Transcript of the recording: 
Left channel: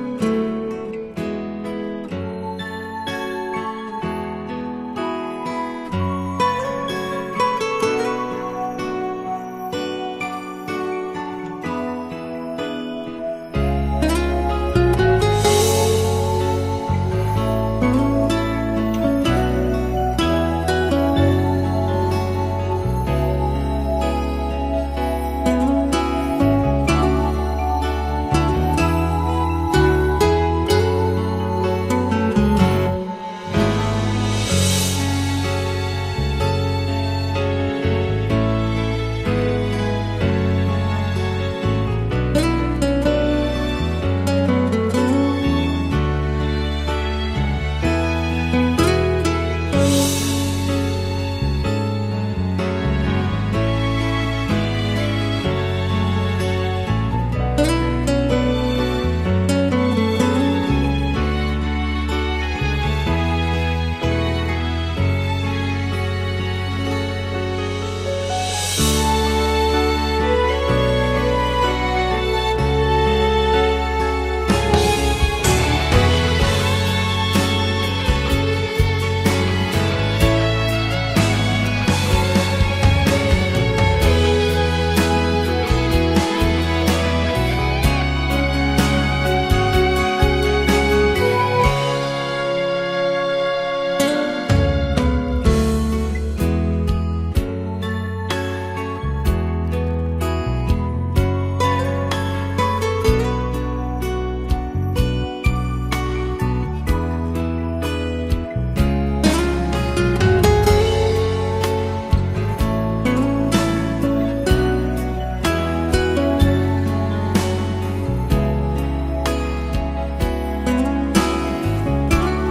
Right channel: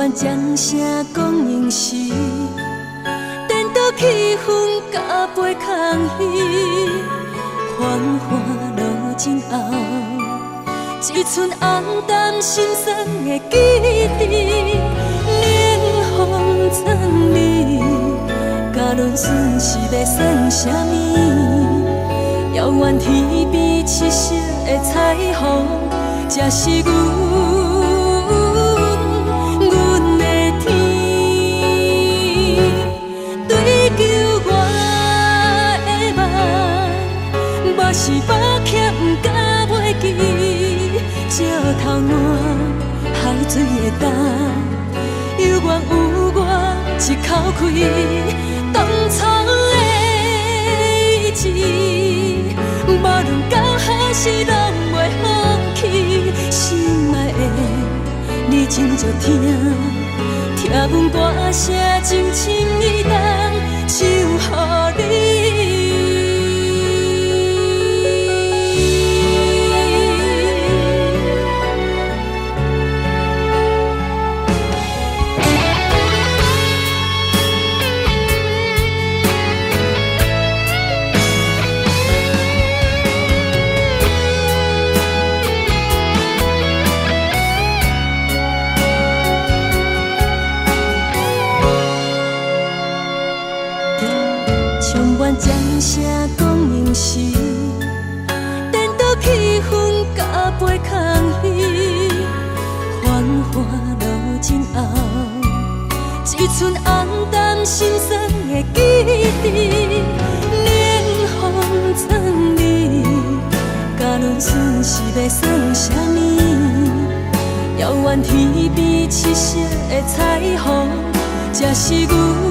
阮掌声讲应时，颠倒气氛甲背空虚，繁华落尽后，只剩暗淡心酸的记忆。冷风吹你，甲论顺是要算啥物？遥远天边七色的彩虹，才是阮的天。追求我的梦，目是目欠不敢袂记，石头满海水的干，犹原有我一口气当初的意志，无论到何时拢袂放弃。心爱的，你真足听，听阮歌声真情意重，唱予你。唱阮掌声讲应时，颠倒气氛甲背空虚，繁华落尽后，只剩暗淡心酸的记忆。冷风吹你，甲论顺是要算啥物？遥远天边七色的彩虹，才是阮。